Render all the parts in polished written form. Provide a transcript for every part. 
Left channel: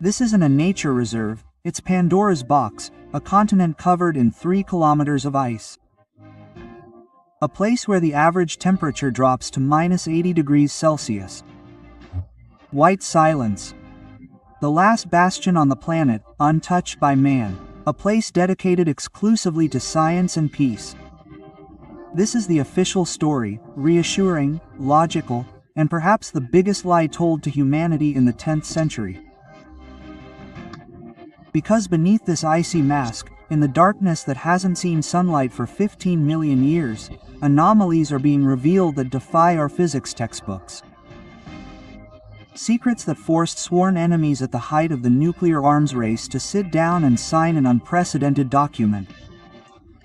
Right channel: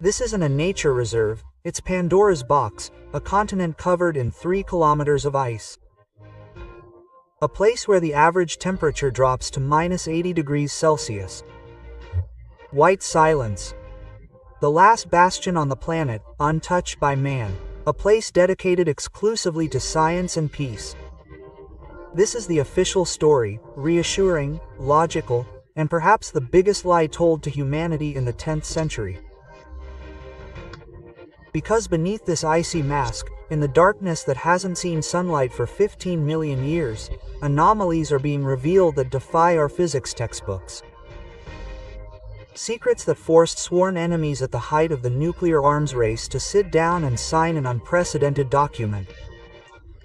This isn't a nature reserve, it's Pandora's box, a continent covered in 3 kilometers of ice. A place where the average temperature drops to -80 degrees Celsius. White silence. The last bastion on the planet, untouched by man. A place dedicated exclusively to science and peace. This is the official story, reassuring, logical, and perhaps the biggest lie told to humanity in the 10th century. Because beneath this icy mask, in the darkness that hasn't seen sunlight for 15 million years, anomalies are being revealed that defy our physics textbooks. Secrets that forced sworn enemies at the height of the nuclear arms race to sit down and sign an unprecedented document.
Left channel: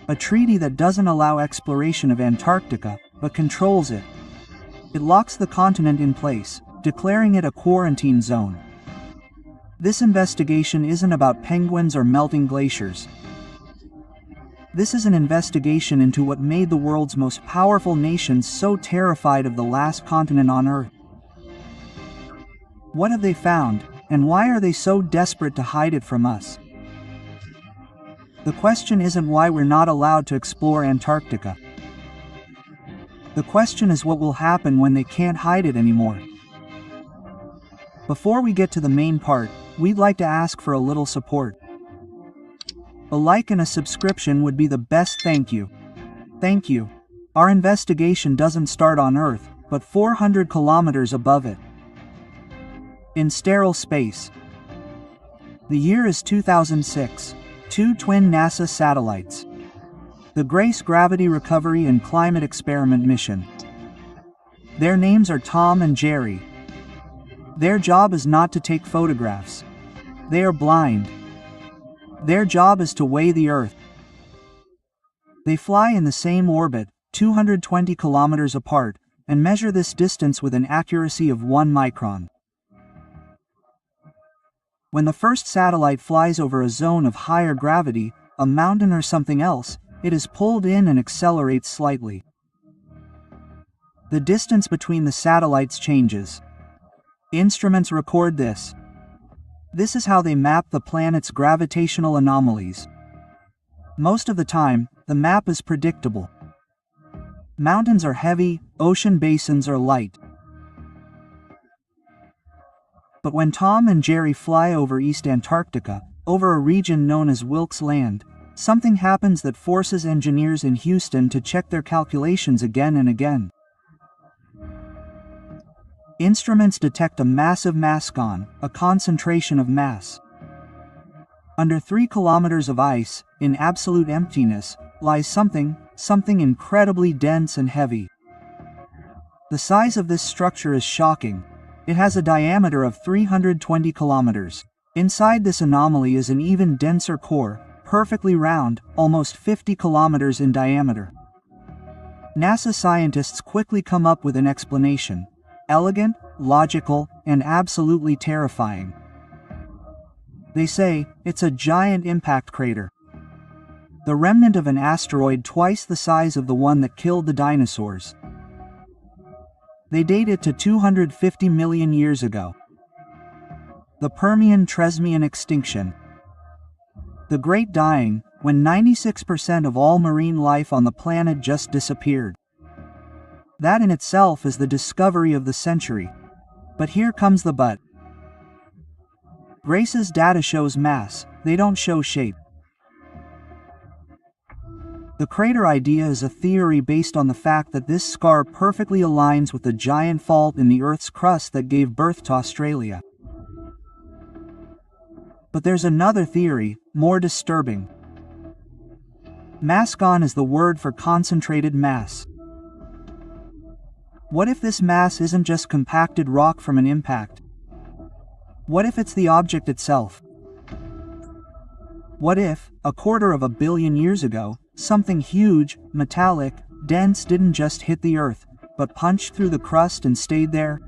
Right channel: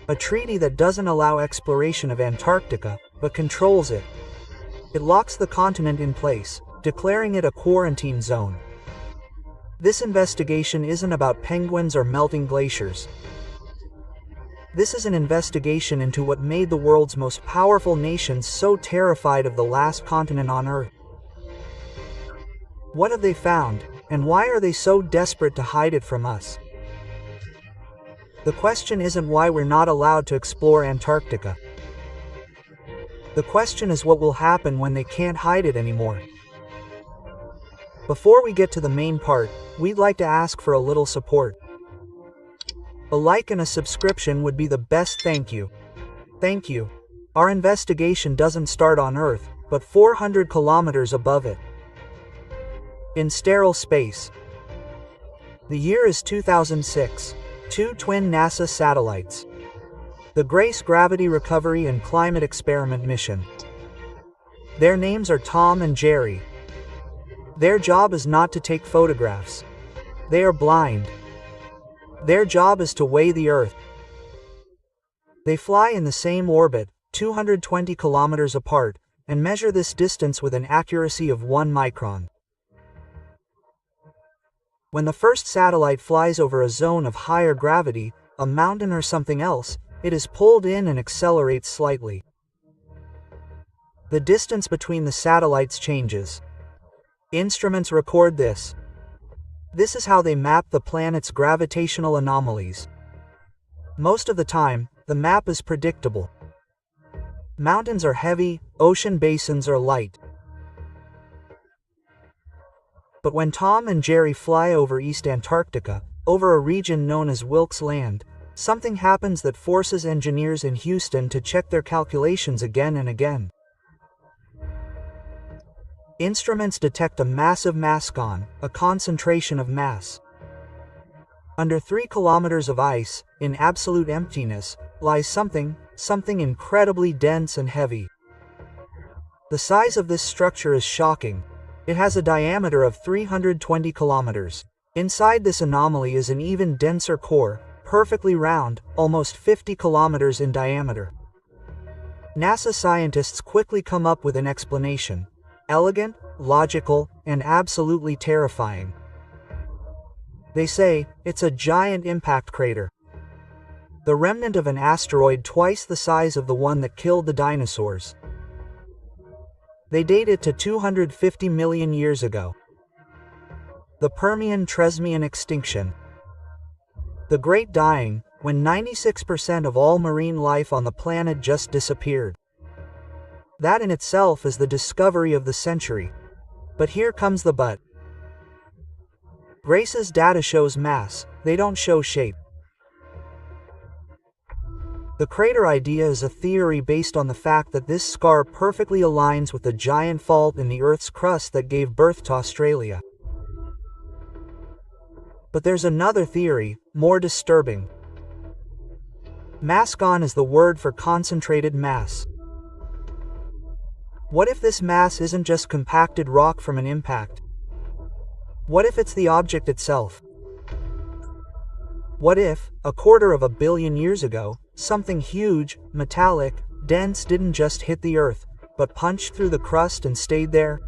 A treaty that doesn't allow exploration of Antarctica, but controls it. It locks the continent in place, declaring it a quarantine zone. This investigation isn't about penguins or melting glaciers. This is an investigation into what made the world's most powerful nations so terrified of the last continent on Earth. What have they found, and why are they so desperate to hide it from us? The question isn't why we're not allowed to explore Antarctica. The question is what will happen when they can't hide it anymore. Before we get to the main part, we'd like to ask for a little support. A like and a subscription would be the best thank you. Thank you. Our investigation doesn't start on Earth, but 400 kilometers above it. In sterile space. The year is 2006. 2 twin NASA satellites. The GRACE Gravity Recovery and Climate Experiment mission. Their names are Tom and Jerry. Their job is not to take photographs. They are blind. Their job is to weigh the Earth. They fly in the same orbit, 220 kilometers apart, and measure this distance with an accuracy of 1 micron. When the first satellite flies over a zone of higher gravity, a mountain or something else, it is pulled in and accelerates slightly. The distance between the satellites changes. Instruments record this. This is how they map the planet's gravitational anomalies. Most of the time, the map is predictable. Mountains are heavy, ocean basins are light. But when Tom and Jerry fly over East Antarctica, over a region known as Wilkes Land, something happens that forces engineers in Houston to check their calculations again and again. Instruments detect a massive mascon, a concentration of mass. Under 3 kilometers of ice, in absolute emptiness, lies something incredibly dense and heavy. The size of this structure is shocking. It has a diameter of 320 kilometers. Inside this anomaly is an even denser core, perfectly round, almost 50 kilometers in diameter. NASA scientists quickly come up with an explanation. Elegant, logical, and absolutely terrifying. They say, it's a giant impact crater. The remnant of an asteroid twice the size of the one that killed the dinosaurs. They date it to 250 million years ago. The Permian-Triassic extinction. The Great Dying, when 96% of all marine life on the planet just disappeared. That in itself is the discovery of the century. But here comes the but. GRACE's data shows mass, they don't show shape. The crater idea is a theory based on the fact that this scar perfectly aligns with the giant fault in the Earth's crust that gave birth to Australia. But there's another theory, more disturbing. Mascon is the word for concentrated mass. What if this mass isn't just compacted rock from an impact? What if it's the object itself? What if, 250 million years ago, something huge, metallic, dense didn't just hit the Earth, but punched through the crust and stayed there?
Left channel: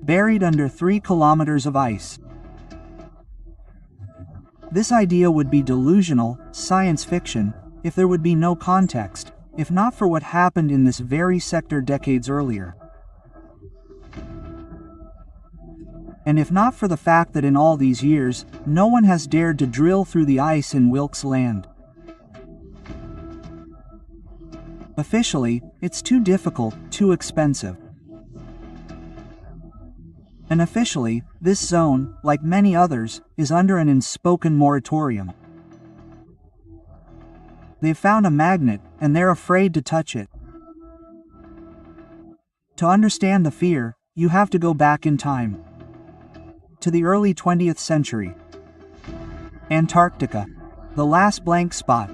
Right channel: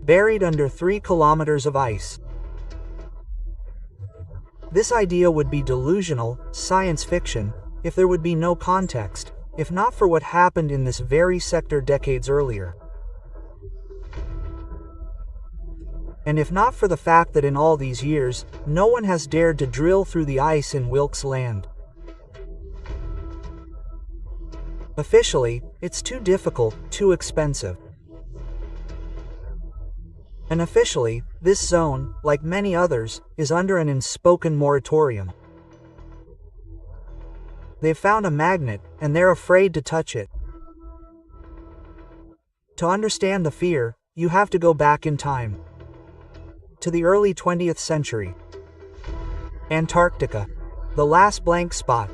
Buried under 3 kilometers of ice. This idea would be delusional, science fiction, if there would be no context, if not for what happened in this very sector decades earlier. And if not for the fact that in all these years, no one has dared to drill through the ice in Wilkes Land. Officially, it's too difficult, too expensive. And officially, this zone, like many others, is under an unspoken moratorium. They've found a magnet, and they're afraid to touch it. To understand the fear, you have to go back in time. To the early 20th century. Antarctica. The last blank spot.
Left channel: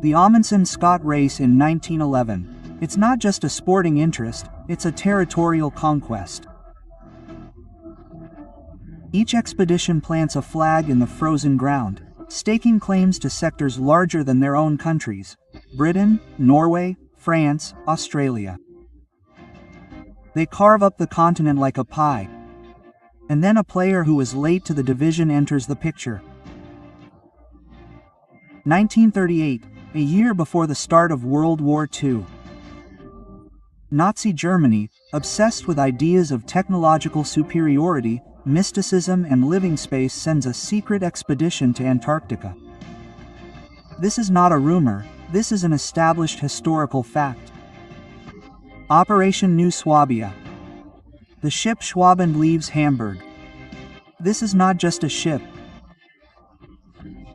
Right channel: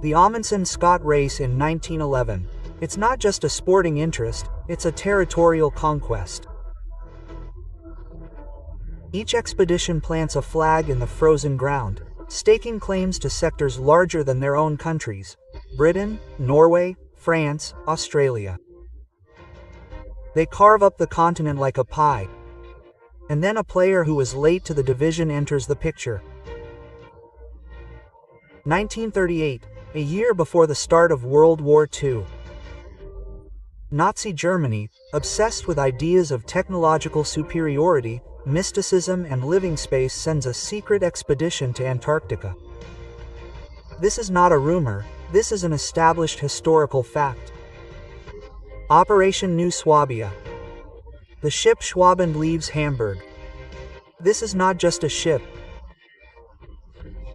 The Amundsen-Scott race in 1911. It's not just a sporting interest, it's a territorial conquest. Each expedition plants a flag in the frozen ground, staking claims to sectors larger than their own countries: Britain, Norway, France, Australia. They carve up the continent like a pie. And then a player who is late to the division enters the picture. 1938, a year before the start of World War II. Nazi Germany, obsessed with ideas of technological superiority, mysticism and living space, sends a secret expedition to Antarctica. This is not a rumor, this is an established historical fact. Operation New Swabia. The ship Schwabend leaves Hamburg. This is not just a ship.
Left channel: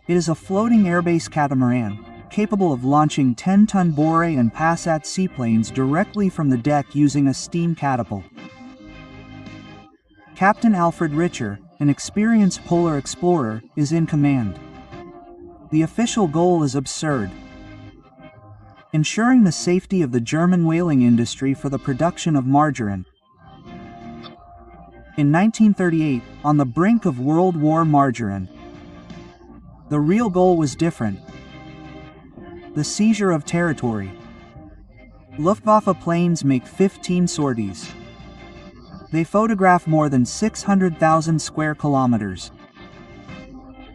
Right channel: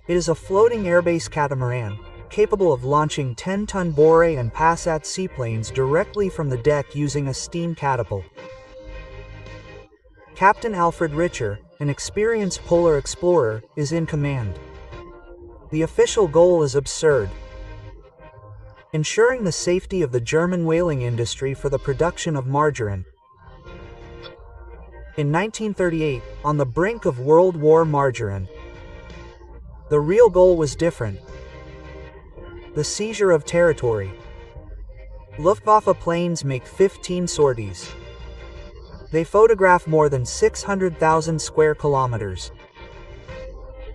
It is a floating airbase catamaran, capable of launching 10-ton Bore and Passat seaplanes directly from the deck using a steam catapult. Captain Alfred Richer, an experienced polar explorer, is in command. The official goal is absurd: ensuring the safety of the German whaling industry for the production of margarine. In 1938, on the brink of World War margarine, the real goal was different: the seizure of territory. Luftwaffe planes make 15 sorties. They photograph more than 600,000 square kilometers.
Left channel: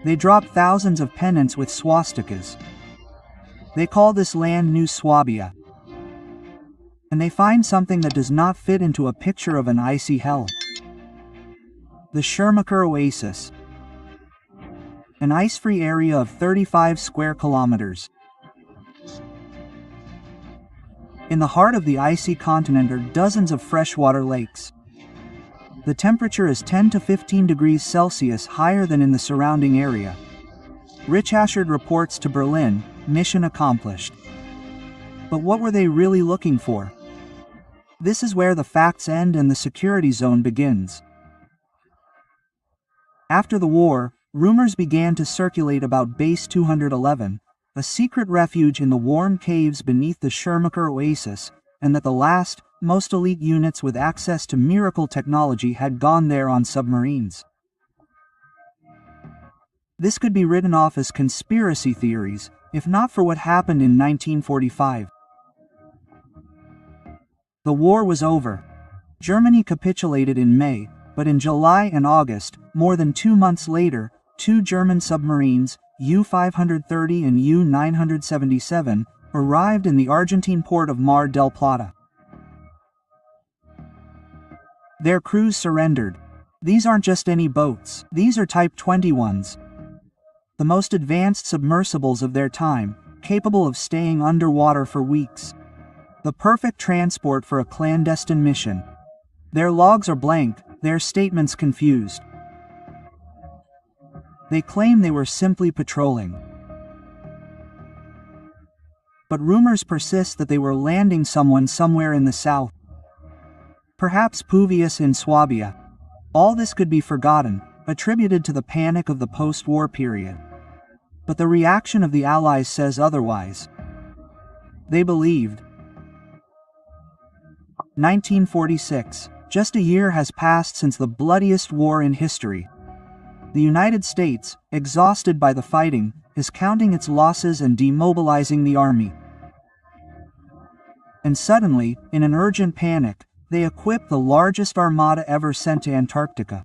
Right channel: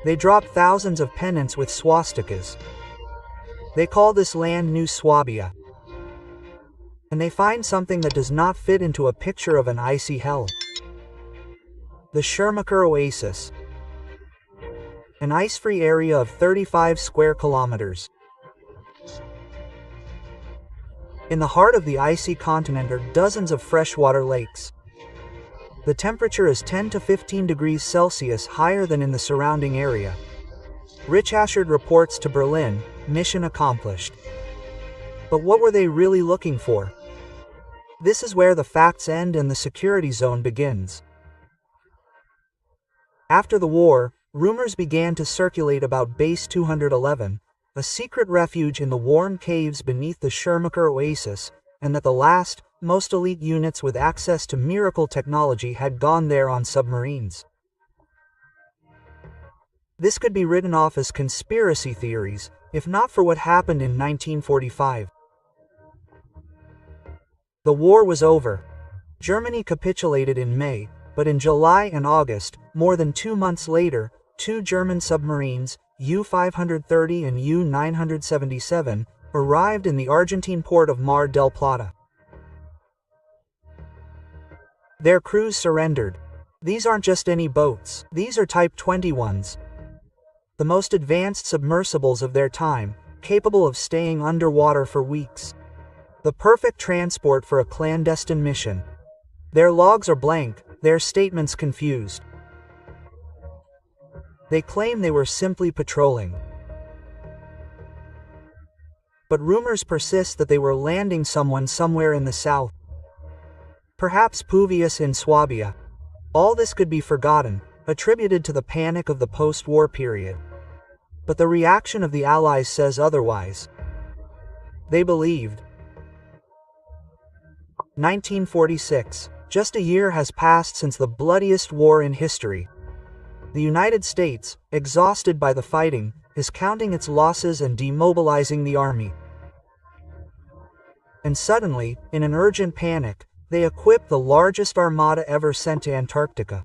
They drop thousands of pennants with swastikas. They call this land New Swabia. And they find something that does not fit into a picture of an icy hell. The Schermacher Oasis. An ice-free area of 35 square kilometers. In the heart of the icy continent are dozens of freshwater lakes. The temperature is 10 to 15 degrees Celsius higher than in the surrounding area. Richashard reports to Berlin, mission accomplished. But what were they really looking for? This is where the facts end and the security zone begins. After the war, rumors began to circulate about Base 211, a secret refuge in the warm caves beneath the Schermacher Oasis, and that the last, most elite units with access to miracle technology had gone there on submarines. This could be written off as conspiracy theories, if not for what happened in 1945. The war was over. Germany capitulated in May, but in July and August, more than 2 months later, 2 German submarines, U-530 and U-977, arrived in the Argentine port of Mar del Plata. Their crews surrendered. These aren't just any boats, these are Type 21s. The most advanced submersibles of their time, capable of staying underwater for weeks. The perfect transport for a clandestine mission. Their logs are blank, their statements confused. They claim they were simply patrolling. But rumors persist that they were landing someone somewhere in the south. Perhaps Puvius in Swabia. All this could be forgotten, attributed to the panic of the post-war period. But the reaction of the Allies says otherwise. They believed. 1946. Just a year has passed since the bloodiest war in history. The United States, exhausted by the fighting, is counting its losses and demobilizing the army. And suddenly, in an urgent panic, they equip the largest armada ever sent to Antarctica.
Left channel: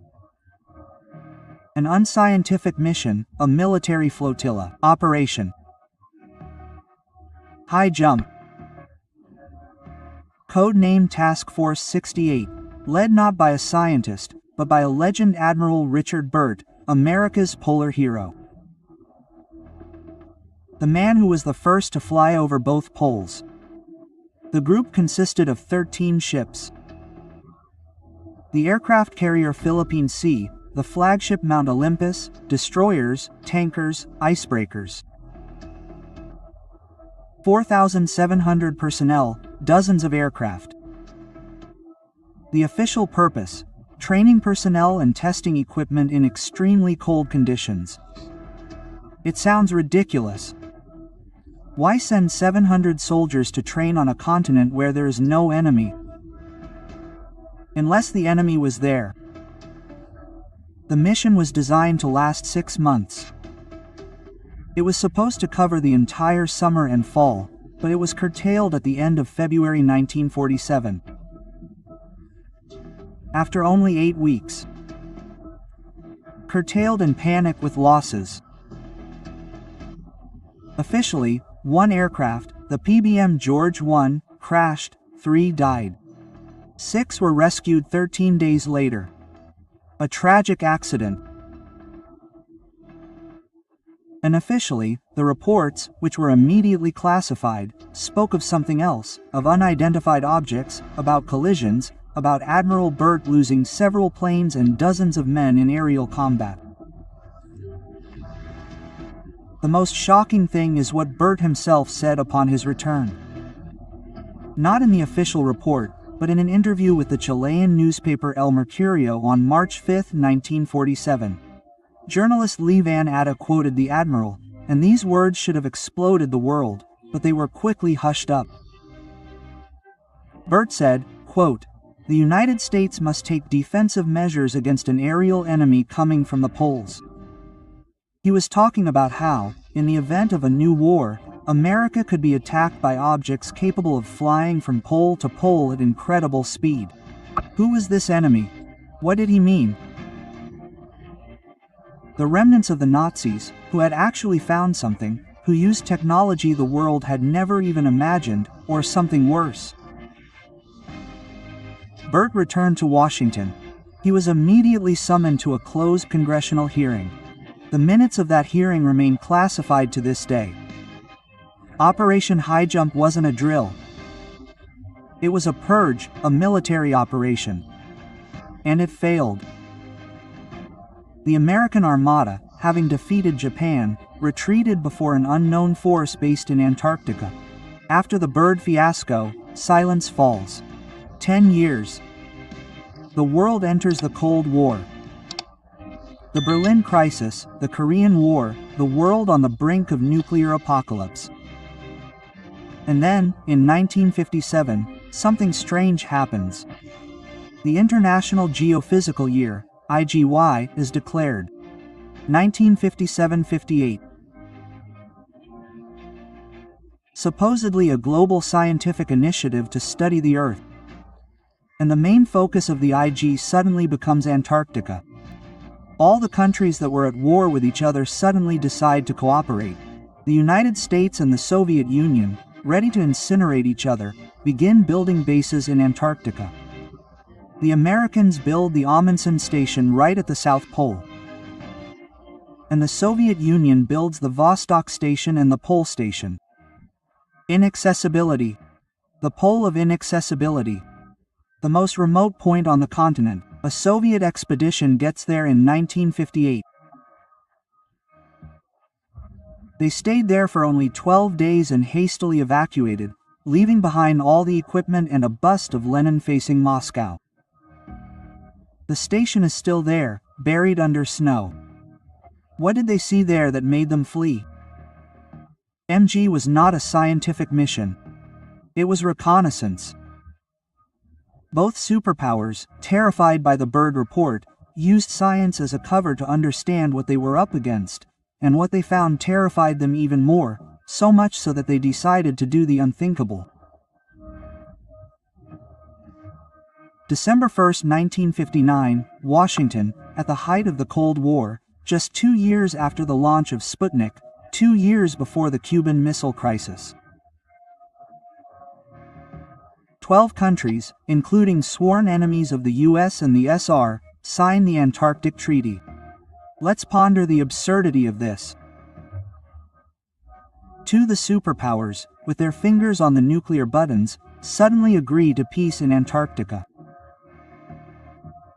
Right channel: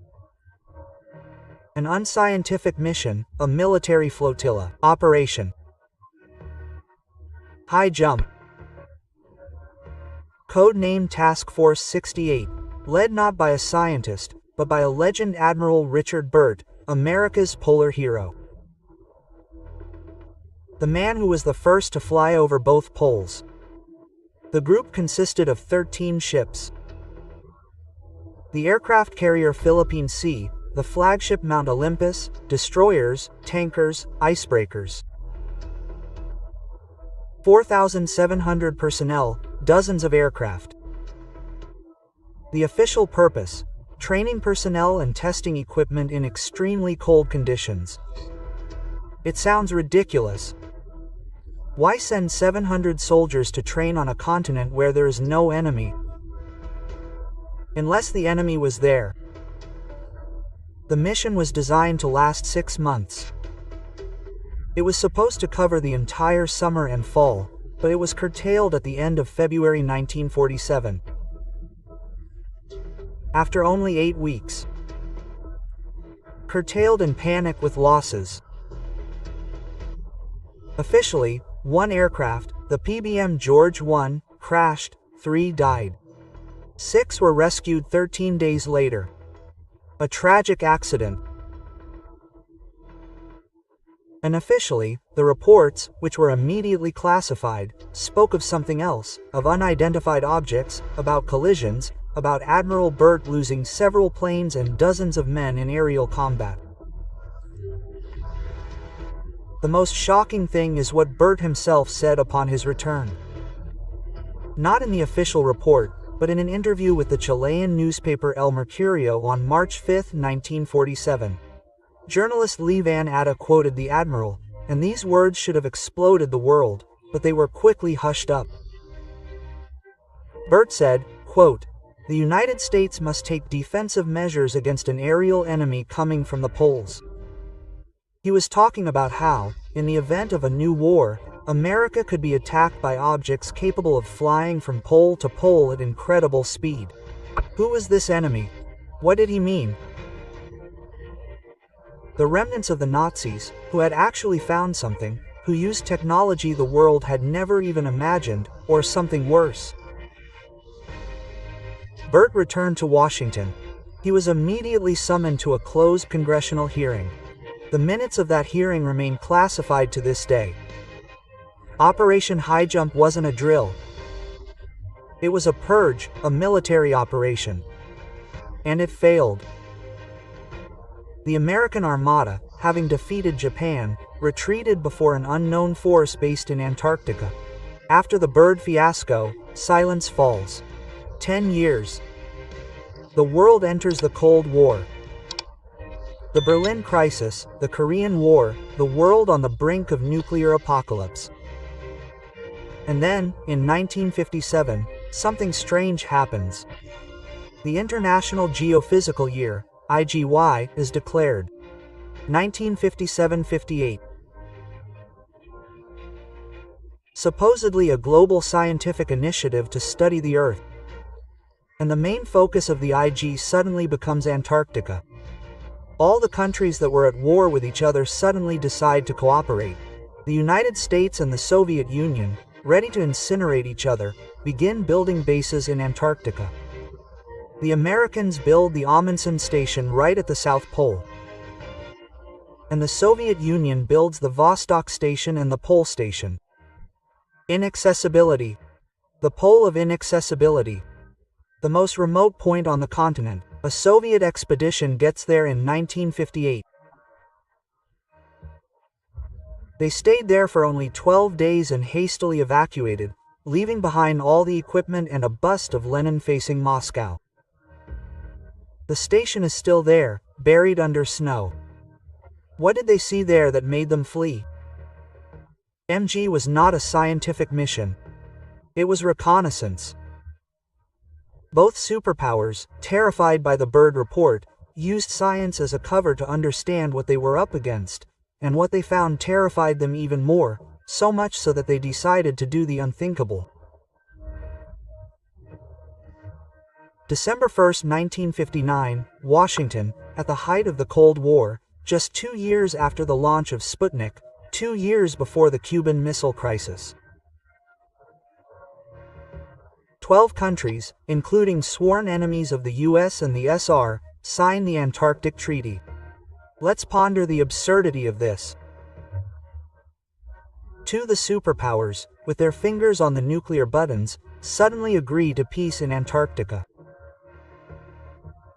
An unscientific mission, a military flotilla, Operation High Jump. Code-named Task Force 68, led not by a scientist, but by a legend, Admiral Richard Burt, America's polar hero. The man who was the first to fly over both poles. The group consisted of 13 ships. The aircraft carrier Philippine Sea, the flagship Mount Olympus, destroyers, tankers, icebreakers. 4,700 personnel, dozens of aircraft. The official purpose: training personnel and testing equipment in extremely cold conditions. It sounds ridiculous. Why send 700 soldiers to train on a continent where there is no enemy? Unless the enemy was there. The mission was designed to last 6 months. It was supposed to cover the entire summer and fall, but it was curtailed at the end of February 1947. After only 8 weeks. Curtailed in panic with losses. Officially, 1 aircraft, the PBM George I, crashed, 3 died. 6 were rescued 13 days later. A tragic accident. Unofficially, the reports, which were immediately classified, spoke of something else, of unidentified objects, about collisions, about Admiral Burt losing several planes and dozens of men in aerial combat. The most shocking thing is what Burt himself said upon his return. Not in the official report, but in an interview with the Chilean newspaper El Mercurio on March 5, 1947. Journalist Lee Van Atta quoted the admiral, and these words should have exploded the world, but they were quickly hushed up. Burt said, quote, "The United States must take defensive measures against an aerial enemy coming from the poles." He was talking about how, in the event of a new war, America could be attacked by objects capable of flying from pole to pole at incredible speed. Who was this enemy? What did he mean? The remnants of the Nazis, who had actually found something, who used technology the world had never even imagined, or something worse. Burt returned to Washington. He was immediately summoned to a closed congressional hearing. The minutes of that hearing remain classified to this day. Operation High Jump wasn't a drill. It was a purge, a military operation. And it failed. The American Armada, having defeated Japan, retreated before an unknown force based in Antarctica. After the Byrd fiasco, silence falls. 10 years. The world enters the Cold War. The Berlin Crisis, the Korean War, the world on the brink of nuclear apocalypse. And then, in 1957, something strange happens. The International Geophysical Year, IGY, is declared. 1957-58. Supposedly a global scientific initiative to study the Earth. And the main focus of the IG suddenly becomes Antarctica. All the countries that were at war with each other suddenly decide to cooperate. The United States and the Soviet Union, ready to incinerate each other, begin building bases in Antarctica. The Americans build the Amundsen Station right at the South Pole. And the Soviet Union builds the Vostok Station and the Pole Station. Inaccessibility. The pole of inaccessibility. The most remote point on the continent. A Soviet expedition gets there in 1958. They stayed there for only 12 days and hastily evacuated, leaving behind all the equipment and a bust of Lenin facing Moscow. The station is still there, buried under snow. What did they see there that made them flee? MG was not a scientific mission. It was reconnaissance. Both superpowers, terrified by the Byrd report, used science as a cover to understand what they were up against, and what they found terrified them even more, so much so that they decided to do the unthinkable. December 1, 1959, Washington, at the height of the Cold War, just 2 years after the launch of Sputnik, 2 years before the Cuban Missile Crisis. 12 countries, including sworn enemies of the US and the SR, sign the Antarctic Treaty. Let's ponder the absurdity of this. Two, the superpowers, with their fingers on the nuclear buttons, suddenly agree to peace in Antarctica.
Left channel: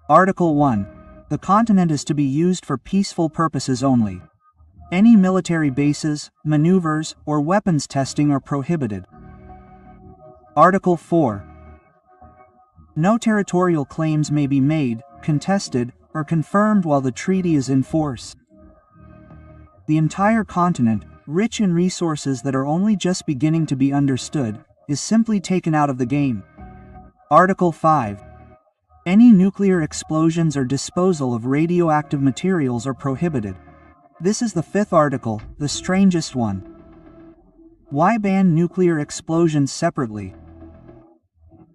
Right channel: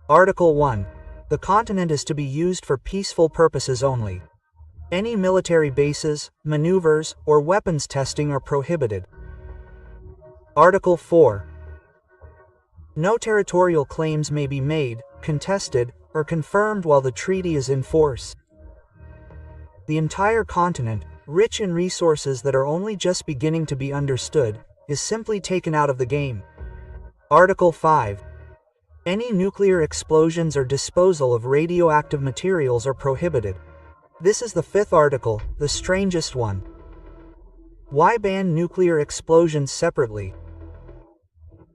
Article 1. The continent is to be used for peaceful purposes only. Any military bases, maneuvers, or weapons testing are prohibited. Article 4. No territorial claims may be made, contested, or confirmed while the treaty is in force. The entire continent, rich in resources that are only just beginning to be understood, is simply taken out of the game. Article 5. Any nuclear explosions or disposal of radioactive materials are prohibited. This is the fifth article, the strangest one. Why ban nuclear explosions separately?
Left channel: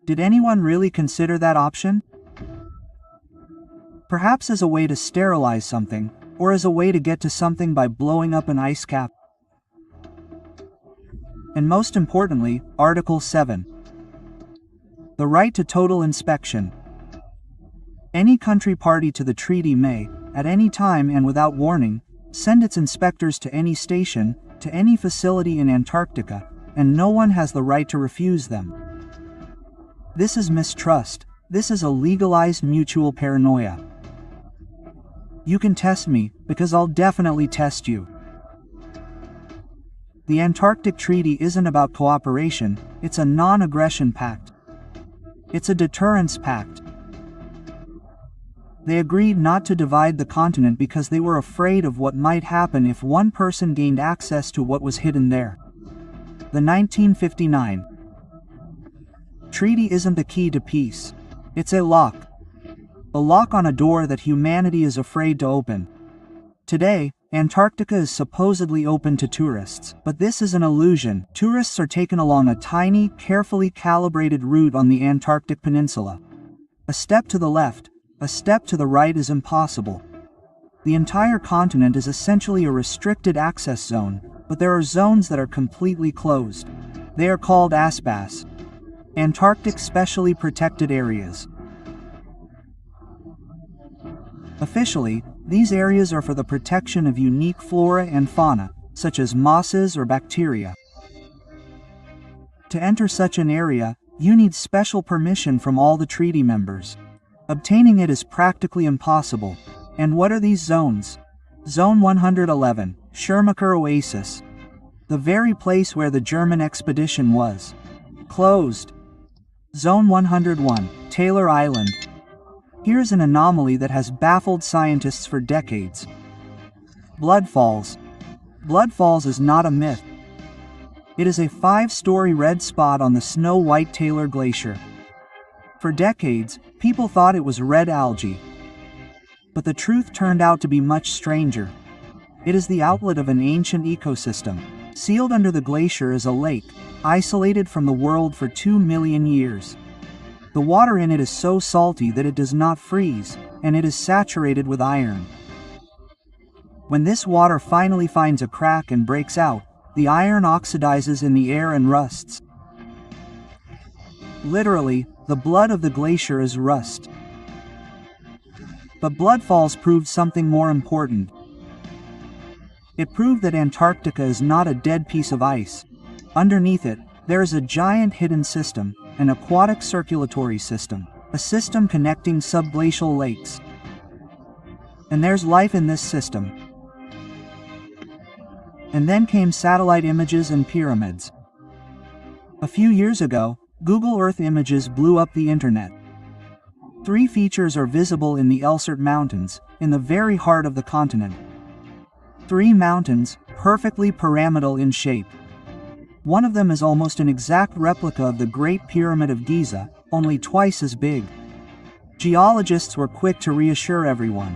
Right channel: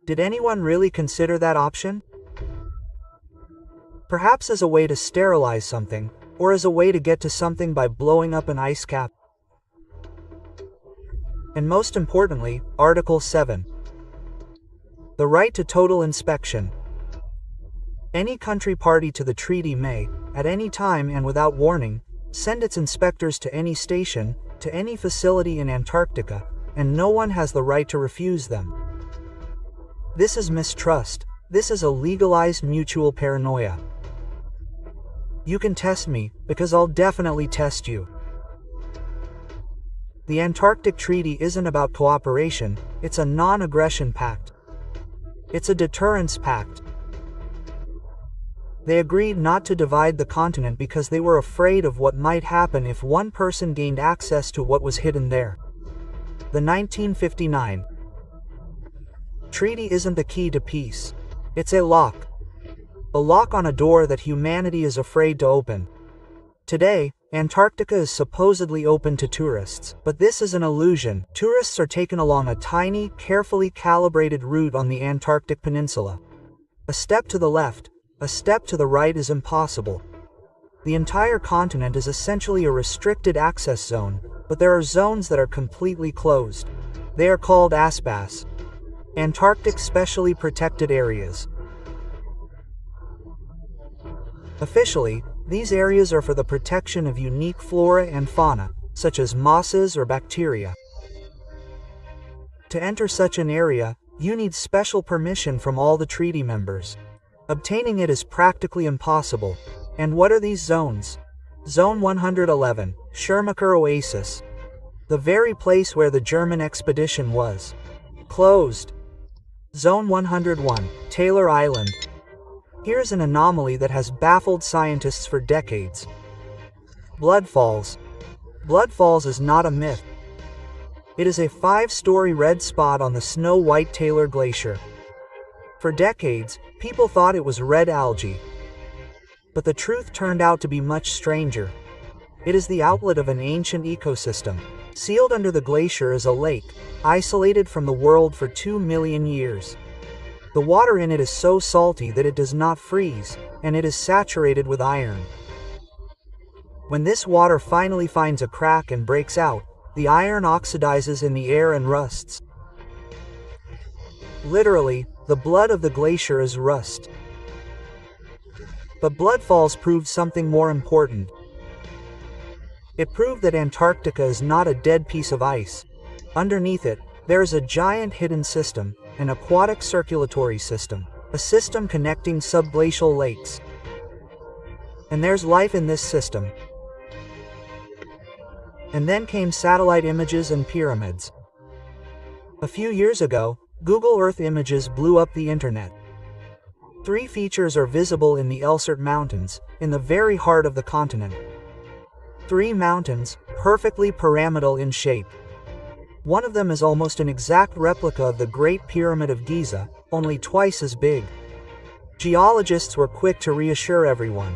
Did anyone really consider that option? Perhaps as a way to sterilize something, or as a way to get to something by blowing up an ice cap. And most importantly, Article 7. The right to total inspection. Any country party to the treaty may, at any time and without warning, send its inspectors to any station, to any facility in Antarctica, and no one has the right to refuse them. This is mistrust. This is a legalized mutual paranoia. You can test me, because I'll definitely test you. The Antarctic Treaty isn't about cooperation, it's a non-aggression pact. It's a deterrence pact. They agreed not to divide the continent because they were afraid of what might happen if one person gained access to what was hidden there. The 1959 Treaty isn't the key to peace. It's a lock. A lock on a door that humanity is afraid to open. Today, Antarctica is supposedly open to tourists, but this is an illusion. Tourists are taken along a tiny, carefully calibrated route on the Antarctic Peninsula. A step to the left, a step to the right is impossible. The entire continent is essentially a restricted access zone, but there are zones that are completely closed. They are called ASPAS, Antarctic Specially Protected Areas. Officially, these areas are for the protection of unique flora and fauna, such as mosses or bacteria. To enter such an area, you need special permission from all the treaty members. Obtaining it is practically impossible. And what are these zones? Zone 111, Schermacher Oasis. The very place where the German expedition was. Closed. Zone 101, Taylor Island. Here's an anomaly that has baffled scientists for decades. Blood Falls. Blood Falls is not a myth. It is a 5-story red spot on the snow-white Taylor Glacier. For decades, people thought it was red algae. But the truth turned out to be much stranger. It is the outlet of an ancient ecosystem. Sealed under the glacier is a lake, isolated from the world for 2 million years. The water in it is so salty that it does not freeze, and it is saturated with iron. When this water finally finds a crack and breaks out, the iron oxidizes in the air and rusts. Literally, the blood of the glacier is rust. But Blood Falls proved something more important. It proved that Antarctica is not a dead piece of ice. Underneath it, there is a giant hidden system, an aquatic circulatory system, a system connecting subglacial lakes. And there's life in this system. And then came satellite images and pyramids. A few years ago, Google Earth images blew up the internet. 3 features are visible in the Elsert Mountains, in the very heart of the continent. 3 mountains, perfectly pyramidal in shape. One of them is almost an exact replica of the Great Pyramid of Giza, only twice as big. Geologists were quick to reassure everyone.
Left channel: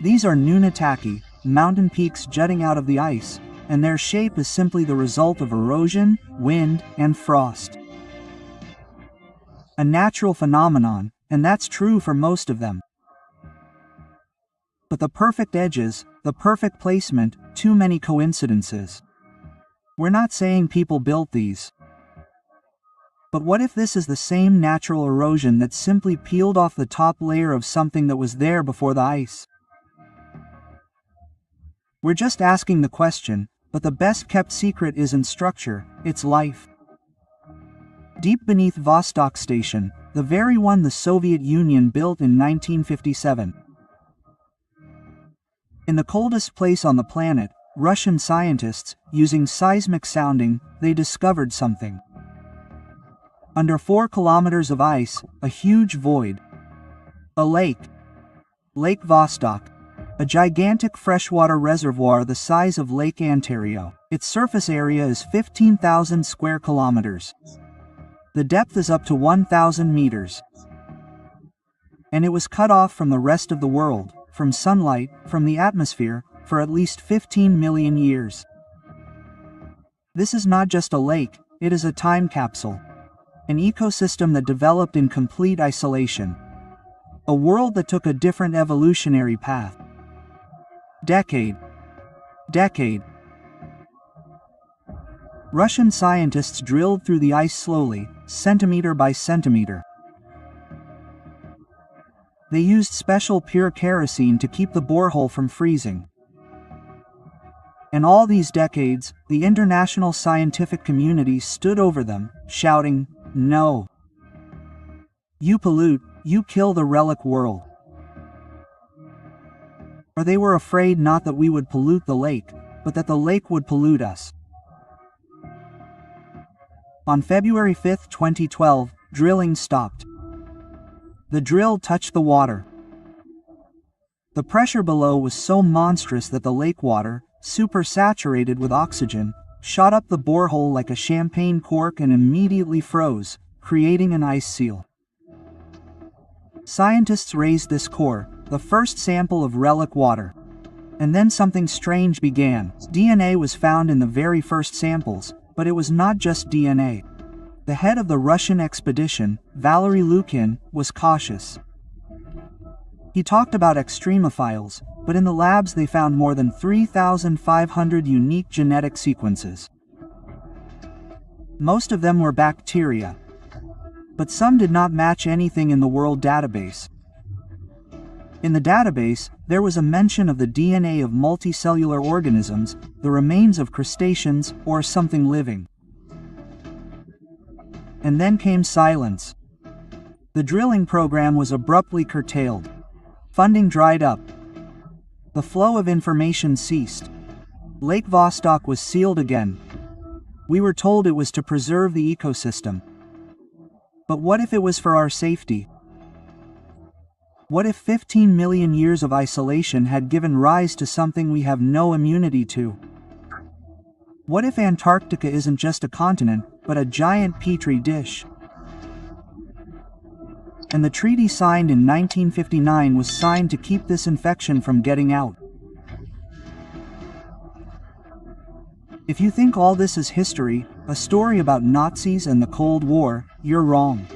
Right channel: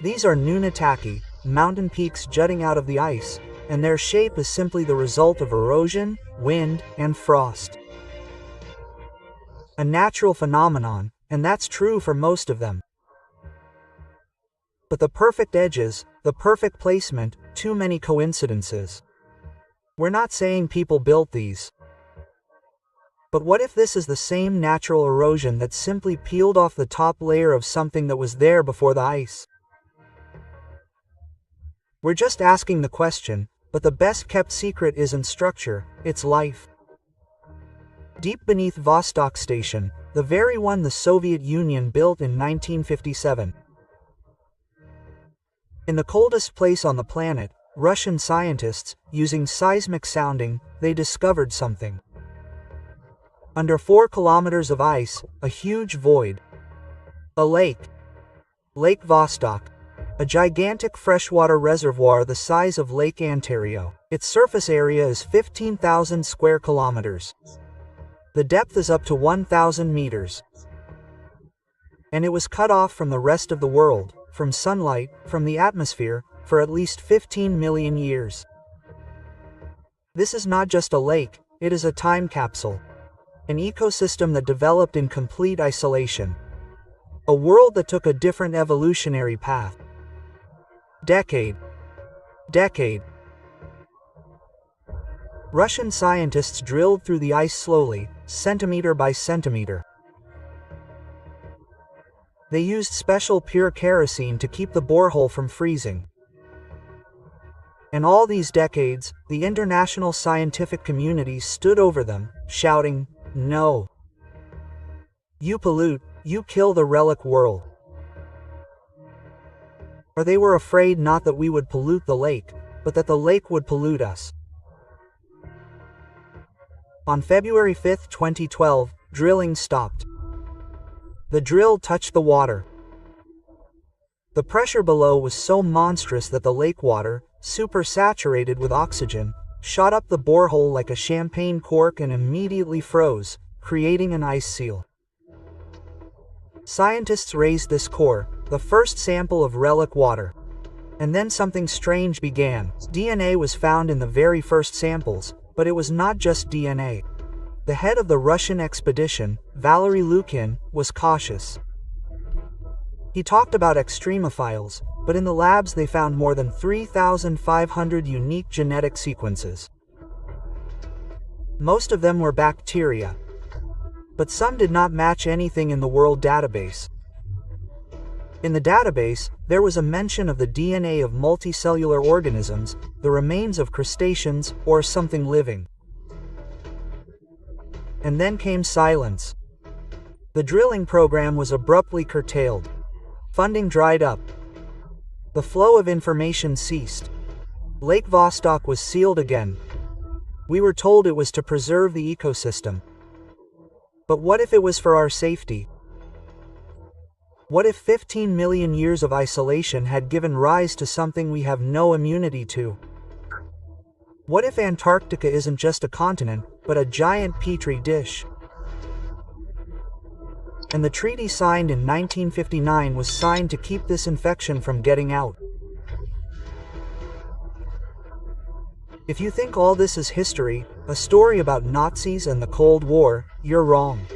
These are Nunataki, mountain peaks jutting out of the ice, and their shape is simply the result of erosion, wind, and frost. A natural phenomenon, and that's true for most of them. But the perfect edges, the perfect placement, too many coincidences. We're not saying people built these. But what if this is the same natural erosion that simply peeled off the top layer of something that was there before the ice? We're just asking the question, but the best kept secret isn't structure, it's life. Deep beneath Vostok Station, the very one the Soviet Union built in 1957. In the coldest place on the planet, Russian scientists, using seismic sounding, they discovered something. Under 4 kilometers of ice, a huge void. A lake. Lake Vostok. A gigantic freshwater reservoir the size of Lake Ontario. Its surface area is 15,000 square kilometers. The depth is up to 1,000 meters. And it was cut off from the rest of the world, from sunlight, from the atmosphere, for at least 15 million years. This is not just a lake, it is a time capsule. An ecosystem that developed in complete isolation. A world that took a different evolutionary path. Decade. Russian scientists drilled through the ice slowly, centimeter by centimeter. They used special pure kerosene to keep the borehole from freezing. And all these decades, the international scientific community stood over them, shouting, "No. You pollute, you kill the relic world." Or they were afraid not that we would pollute the lake, but that the lake would pollute us. On February 5, 2012, drilling stopped. The drill touched the water. The pressure below was so monstrous that the lake water, supersaturated with oxygen, shot up the borehole like a champagne cork and immediately froze, creating an ice seal. Scientists raised this core, the first sample of relic water. And then something strange began. DNA was found in the very first samples, but it was not just DNA. The head of the Russian expedition, Valery Lukin, was cautious. He talked about extremophiles, but in the labs they found more than 3,500 unique genetic sequences. Most of them were bacteria. But some did not match anything in the world database. In the database, there was a mention of the DNA of multicellular organisms, the remains of crustaceans, or something living. And then came silence. The drilling program was abruptly curtailed. Funding dried up. The flow of information ceased. Lake Vostok was sealed again. We were told it was to preserve the ecosystem. But what if it was for our safety? What if 15 million years of isolation had given rise to something we have no immunity to? What if Antarctica isn't just a continent, but a giant petri dish? And the treaty signed in 1959 was signed to keep this infection from getting out. If you think all this is history, a story about Nazis and the Cold War, you're wrong.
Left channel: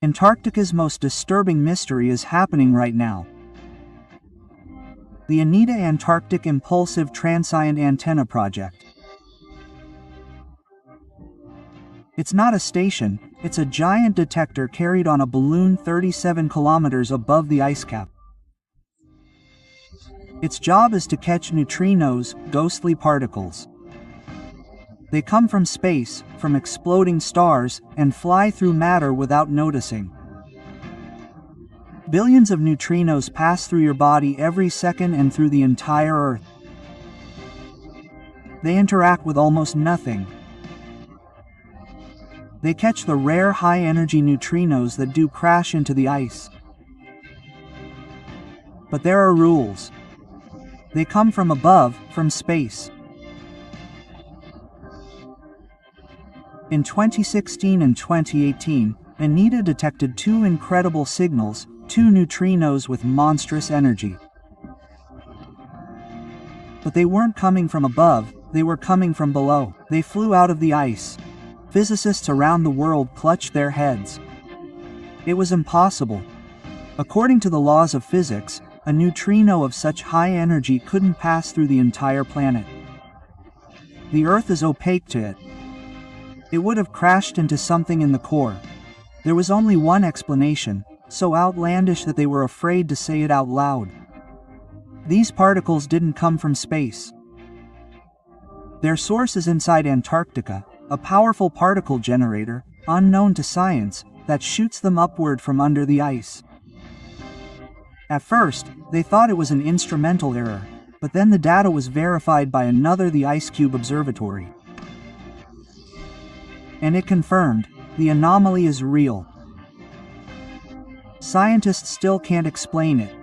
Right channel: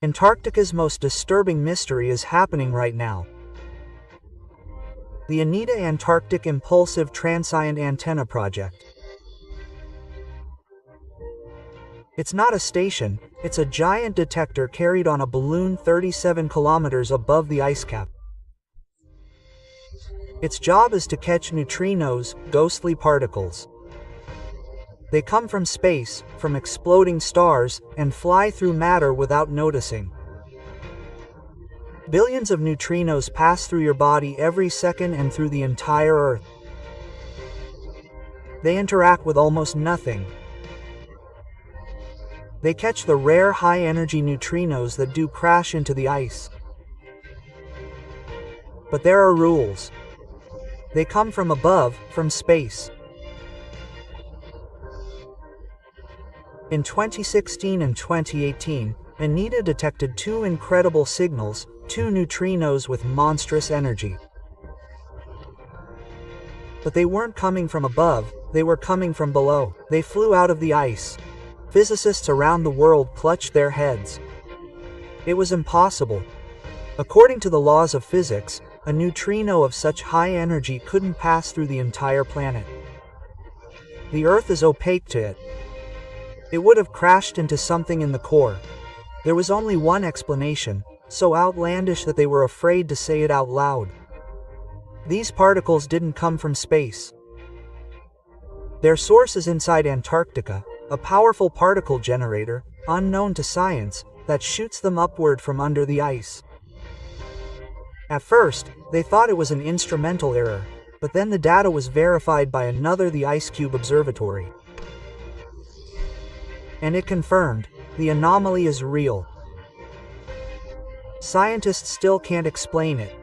Antarctica's most disturbing mystery is happening right now. The ANITA Antarctic Impulsive Transient Antenna Project. It's not a station, it's a giant detector carried on a balloon 37 kilometers above the ice cap. Its job is to catch neutrinos, ghostly particles. They come from space, from exploding stars, and fly through matter without noticing. Billions of neutrinos pass through your body every second and through the entire Earth. They interact with almost nothing. They catch the rare high-energy neutrinos that do crash into the ice. But there are rules. They come from above, from space. In 2016 and 2018, ANITA detected 2 incredible signals, 2 neutrinos with monstrous energy. But they weren't coming from above, they were coming from below. They flew out of the ice. Physicists around the world clutched their heads. It was impossible. According to the laws of physics, a neutrino of such high energy couldn't pass through the entire planet. The Earth is opaque to it. It would have crashed into something in the core. There was only one explanation, so outlandish that they were afraid to say it out loud. These particles didn't come from space. Their source is inside Antarctica, a powerful particle generator, unknown to science, that shoots them upward from under the ice. At first, they thought it was an instrumental error, but then the data was verified by the IceCube Observatory. And it confirmed, the anomaly is real. Scientists still can't explain it.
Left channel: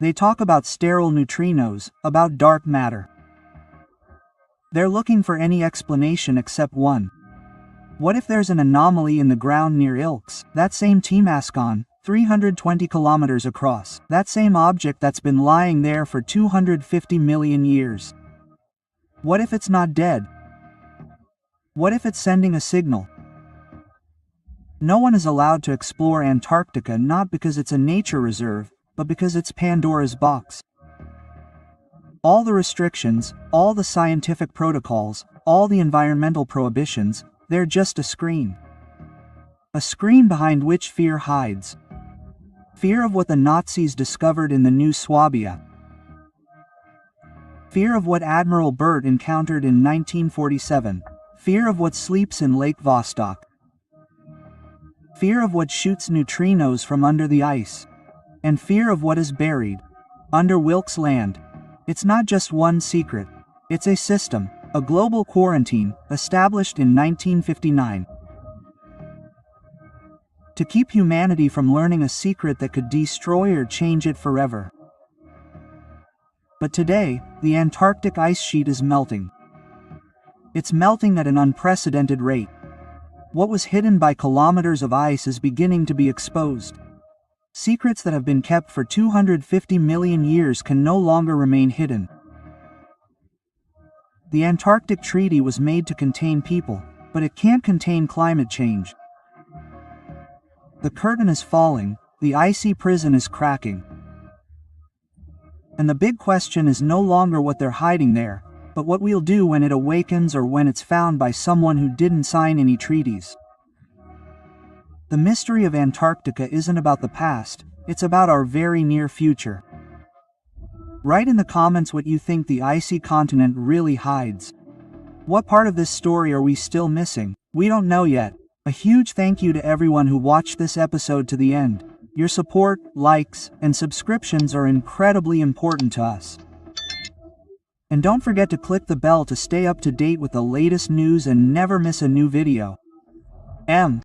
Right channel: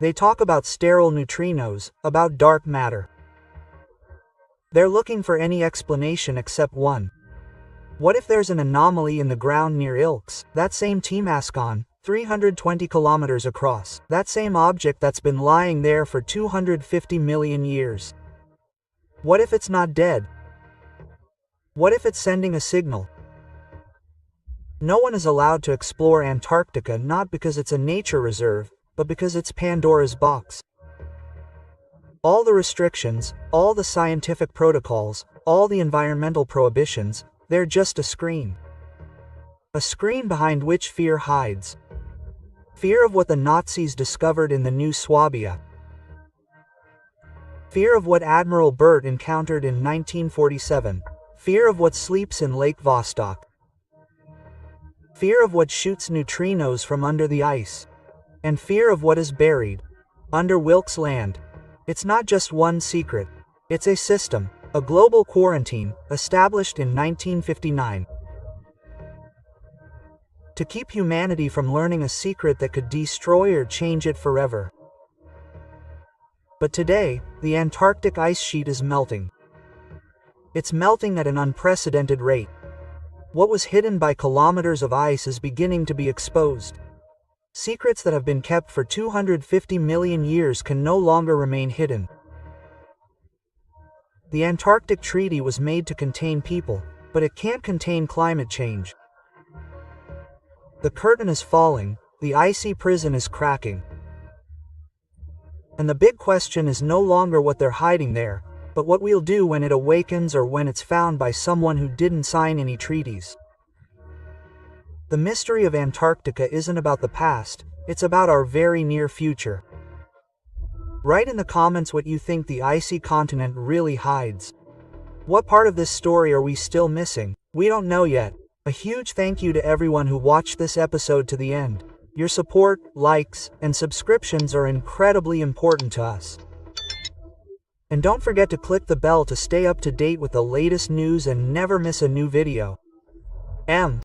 They talk about sterile neutrinos, about dark matter. They're looking for any explanation except one. What if there's an anomaly in the ground near Ilks, that same T-Mascon, 320 kilometers across, that same object that's been lying there for 250 million years? What if it's not dead? What if it's sending a signal? No one is allowed to explore Antarctica not because it's a nature reserve, but because it's Pandora's box. All the restrictions, all the scientific protocols, all the environmental prohibitions, they're just a screen. A screen behind which fear hides. Fear of what the Nazis discovered in the New Swabia. Fear of what Admiral Byrd encountered in 1947. Fear of what sleeps in Lake Vostok. Fear of what shoots neutrinos from under the ice. And fear of what is buried under Wilkes Land. It's not just one secret. It's a system, a global quarantine, established in 1959. To keep humanity from learning a secret that could destroy or change it forever. But today, the Antarctic ice sheet is melting. It's melting at an unprecedented rate. What was hidden by kilometers of ice is beginning to be exposed. Secrets that have been kept for 250 million years can no longer remain hidden. The Antarctic Treaty was made to contain people, but it can't contain climate change. The curtain is falling, the icy prison is cracking. And the big question is no longer what they're hiding there, but what we'll do when it awakens or when it's found by someone who didn't sign any treaties. The mystery of Antarctica isn't about the past, it's about our very near future. Write in the comments what you think the icy continent really hides. What part of this story are we still missing? We don't know yet. A huge thank you to everyone who watched this episode to the end. Your support, likes, and subscriptions are incredibly important to us. And don't forget to click the bell to stay up to date with the latest news and never miss a new video.